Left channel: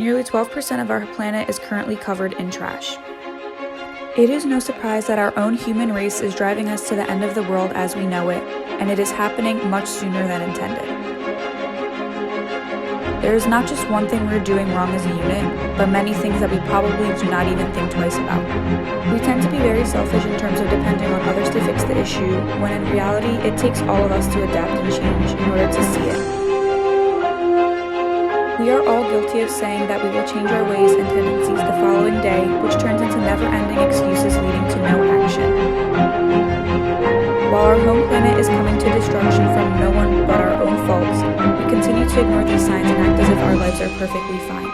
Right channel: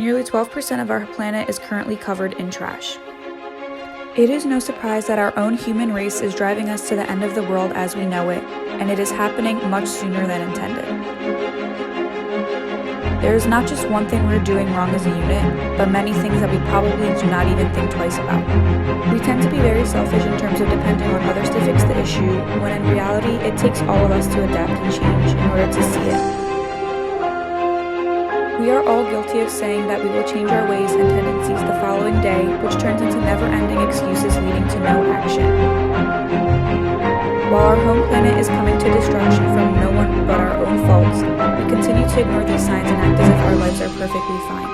Nearly 12% of our planet is currently covered in trash. It is no surprise that our own human race is driving us to the end of the world as we know it, and it is happening much sooner than intended. There is not just one thing we're doing wrong as a unit, but many things that we probably do not even think twice about. We tend to be very selfish in terms of depending on others to fix the issue, when in reality, it takes all of us to adapt and change in order to see it. We are all guilty of saying that we will change our ways and tendencies the following day, which turns into never-ending excuses leading to no action. While our home planet is coming to destruction from no one but our own faults, we continue to ignore these signs and act as if our lives are perfectly fine.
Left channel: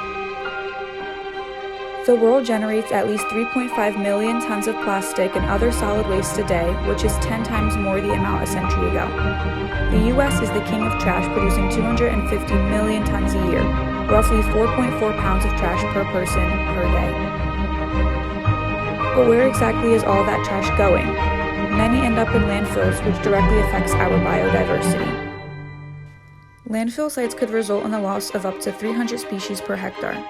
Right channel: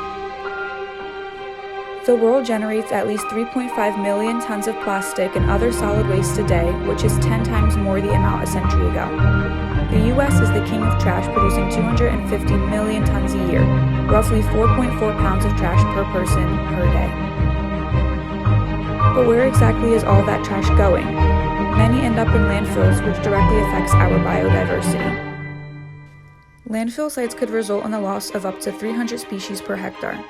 The world generates at least 3.5 million tons of plastic and other solid waste a day, which is 10 times more the amount a century ago. The US is the king of trash, producing 250 million tons a year, roughly 4.4 pounds of trash per person per day. But where exactly is all that trash going? Many end up in landfills, which directly affects our biodiversity. Landfill sites could result in the loss of up to 300 species per hectare.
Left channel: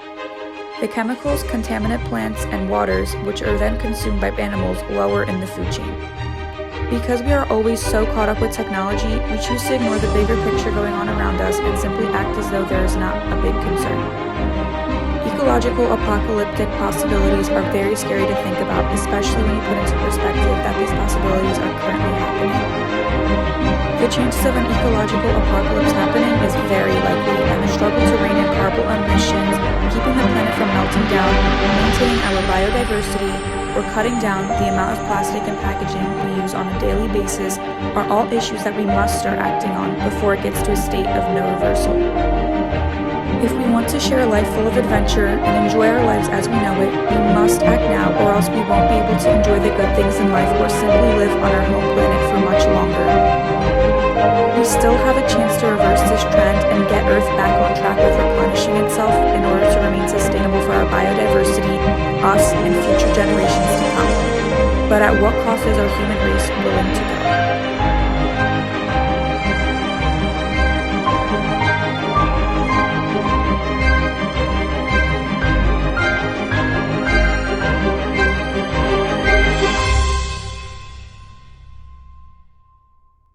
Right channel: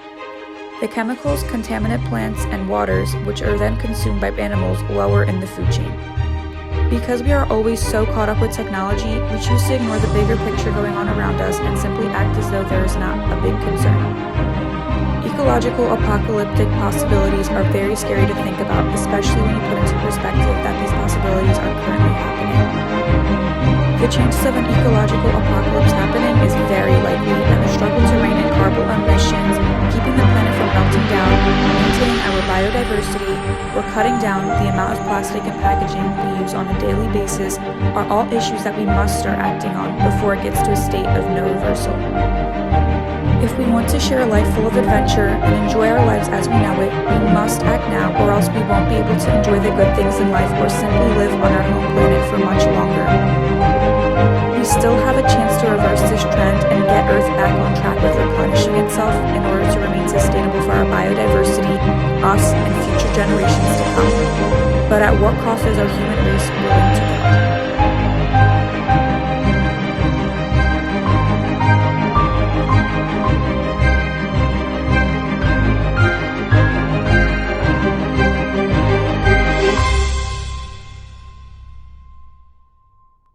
The chemicals contaminate plants and waters, which are then consumed by animals lower in the food chain. Because we are always so caught up with technology, we choose to ignore the bigger picture going on around us and simply act as though there is not a big concern. Ecological apocalyptic possibilities are very scary to think about, especially when you put into perspective that these possibilities are currently happening. The chances of an ecological apocalypse happening is very likely, and the struggle to rein in carbon emissions, keeping the planet from melting down, maintaining our biodiversity, or cutting down the amount of plastic and packaging we use on a daily basis are all issues that we must start acting on before it gets to a state of no reversal. If we want to share a life full of adventure and enjoy our lives as we know it, we must act now, or else we won't be able to enjoy the good things in life or simply live on our home planet for much longer. We still have a chance to reverse this trend and get Earth back on track with replenishing itself in order to remain sustainable for our biodiversity, us, and future generations to come. But at what cost is our human race willing to go?